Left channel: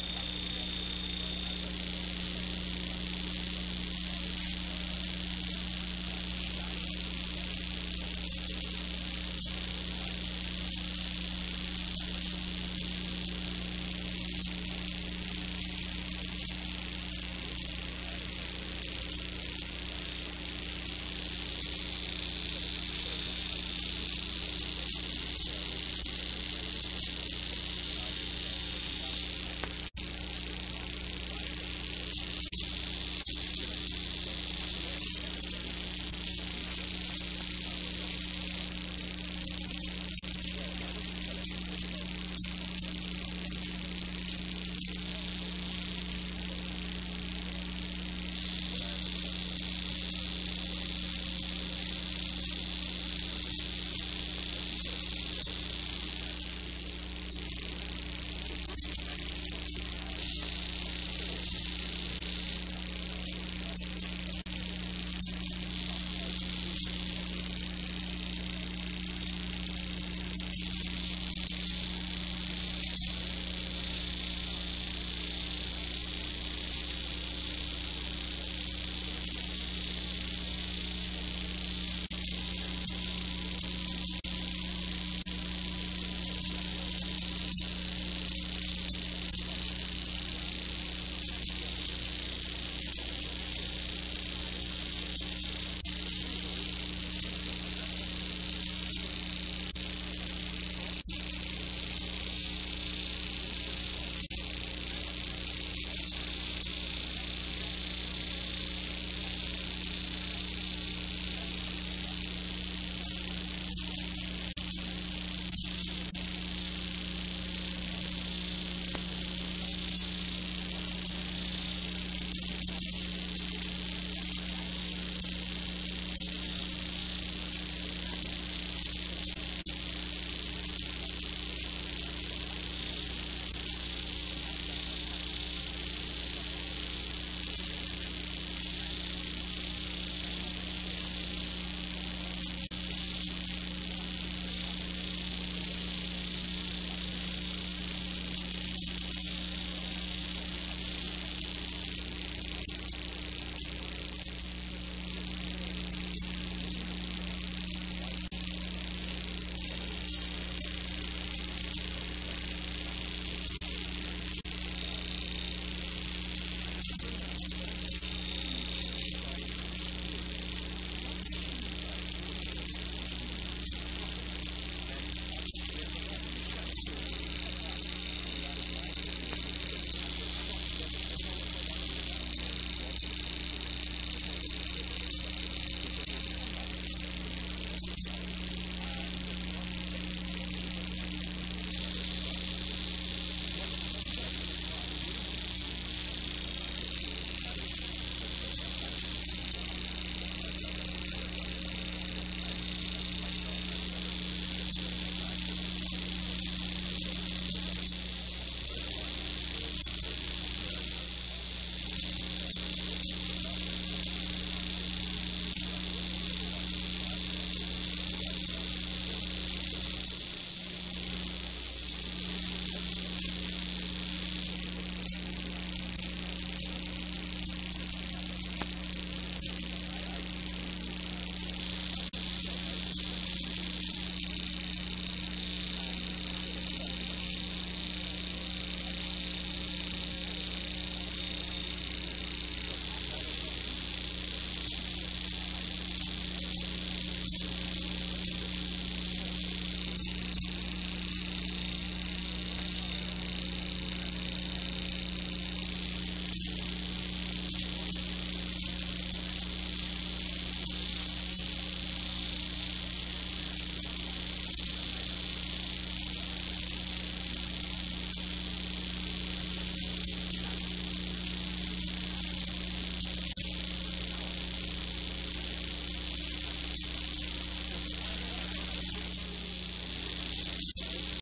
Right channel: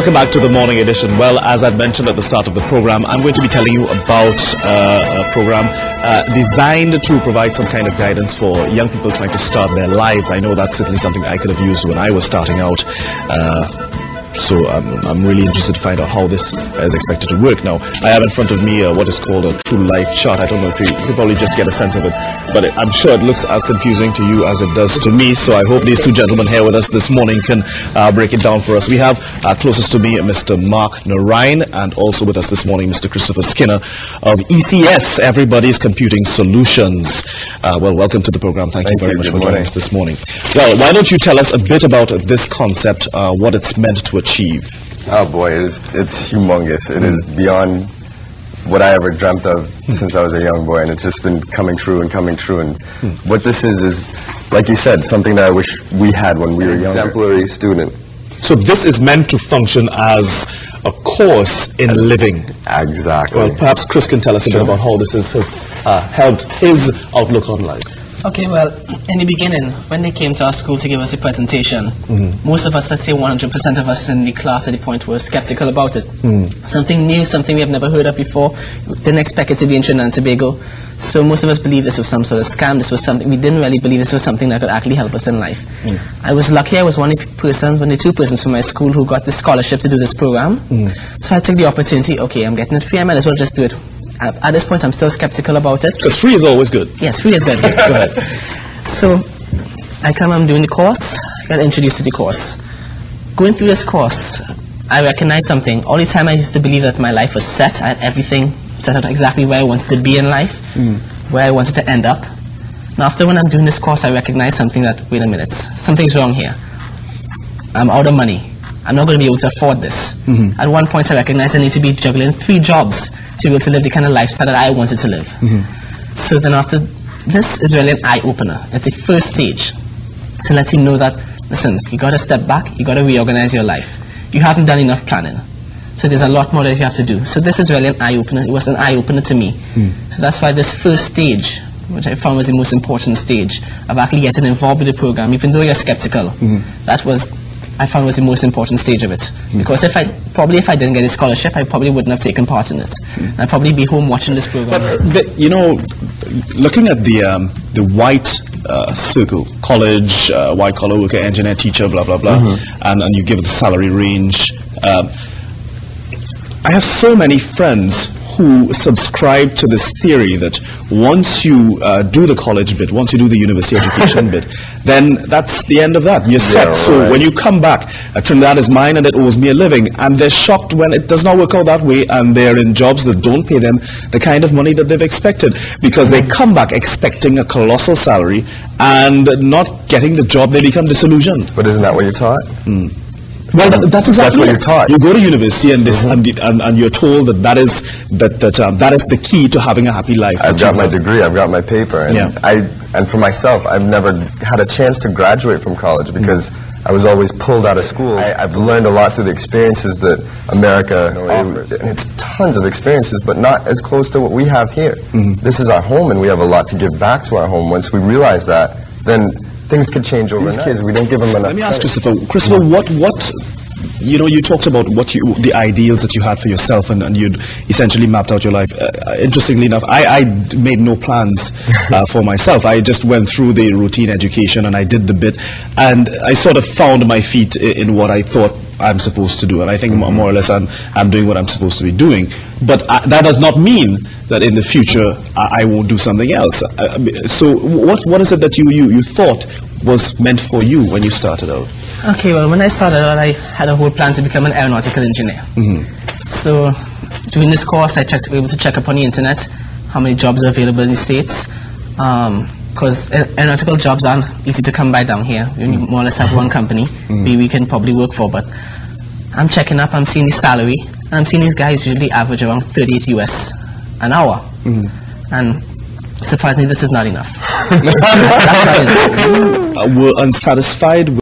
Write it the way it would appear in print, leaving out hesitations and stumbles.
Welcome back to the Morning Edition. Well, as I've mentioned at the start of the program, I'm going to be telling you about a program designed to provide some kind of guidance for young people trying to start their lives. I know that's certainly something I could have used when I was starting out. So I'm really interested to find out how this is expected to work. Now, I have in front of me what is called a true life chart. I don't know if you could probably just get a sense of it, but I'm sure it looks as confusing to you as it does to me. So I hope these two gentlemen here with us this morning can break it down for us. We have closest to me Mr. Mark Narayan, and also with us this morning Mr. Christopher Skinner of ECS, Everybody's Computing Solutions. Well, welcome to the program. Thank you very much for joining us this morning. Well, why don't you tell us a bit about this concept, what it's meant to achieve? Oh boy, it's humongous. It is beyond what I ever dreamt of since I was a young boy, and it's just been coming true and coming true. And what this is, like you said, something that I wish we had when we were young. Exemplary student. So this is meant to function as a course in living. Exactly. Well, perhaps Chris can tell us a bit about how this has helped his outlook on life. Okay, well, in the beginning, when they came to our school to give us a presentation, most of us, let's say 100% of us in the class at the point were skeptical about it. Something new, something we have never heard of before, didn't expect it to be in Trinidad and Tobago. So most of us believed this was some sort of scam, this was something, we didn't really believe this was something that could actually help us in life. I was lucky, I was one of the two persons from my school who got the scholarship to do this program. So I took the opportunity, okay, I'm getting it free, I might as well just do it. At this point, I'm still skeptical about it. Because free is always good. Yes, free is good. Go ahead. So, I'm doing the course, I got introduced to the course. Going through this course, I recognized something. All the time I used to believe that my life was set. I had everything set up exactly where I wanted to be in life, where I wanted to end up. Now, after when I'm doing this course, I recognized something that, wait a minute, something's wrong here. I'm out of money. I'm not going to be able to afford this. At one point, I recognized I need to be juggling 3 jobs to be able to live the kind of lifestyle that I wanted to live. So then after, this is really an eye-opener. It's the first stage to let you know that, listen, you got to step back, you got to reorganize your life. You haven't done enough planning. So there's a lot more that you have to do. So this is really an eye-opener. It was an eye-opener to me. So that's why this first stage, which I found was the most important stage of actually getting involved with the program, even though you're skeptical, I found was the most important stage of it. Because if I didn't get a scholarship, I probably wouldn't have taken part in it. I'd probably be home watching this program. But, you know, looking at the white circle, college, white-collar worker, engineer, teacher, blah, blah, blah, and you give the salary range. I have so many friends who subscribe to this theory that once you do the college bit, once you do the university education bit, then that's the end of that. You're set. Yeah, so when you come back, Trinidad is mine and it owes me a living. And they're shocked when it does not work out that way and they're in jobs that don't pay them the kind of money that they've expected. Because they come back expecting a colossal salary and not getting the job, they become disillusioned. But isn't that what you're taught? Well, that's exactly what you're taught. You go to university and and you're told that is the key to having a happy life. I've got my degree, I've got my paper, and and for myself, I've never had a chance to graduate from college because I was always pulled out of school. I've learned a lot through the experiences that America offers, and it's tons of experiences, but not as close to what we have here. This is our home, and we have a lot to give back to our home. Once we realize that, then things could change overnight. These kids, we don't give them enough. Let me ask Christopher, what you know, you talked about the ideals that you had for yourself, and you'd essentially mapped out your life. Interestingly enough, I made no plans for myself. I just went through the routine education and I did the bit, and I sort of found my feet in what I thought I'm supposed to do, and I think more or less I'm doing what I'm supposed to be doing. But that does not mean that in the future I won't do something else. So what is it that you thought was meant for you when you started out? Okay, well, when I started out, I had a whole plan to become an aeronautical engineer. So during this course, I was able to check up on the internet how many jobs are available in the States. Because aeronautical jobs aren't easy to come by down here. You more or less have one company we can probably work for. But I'm checking up, I'm seeing the salary, and I'm seeing these guys usually average around 38 US an hour. And surprisingly, this is not enough. We're unsatisfied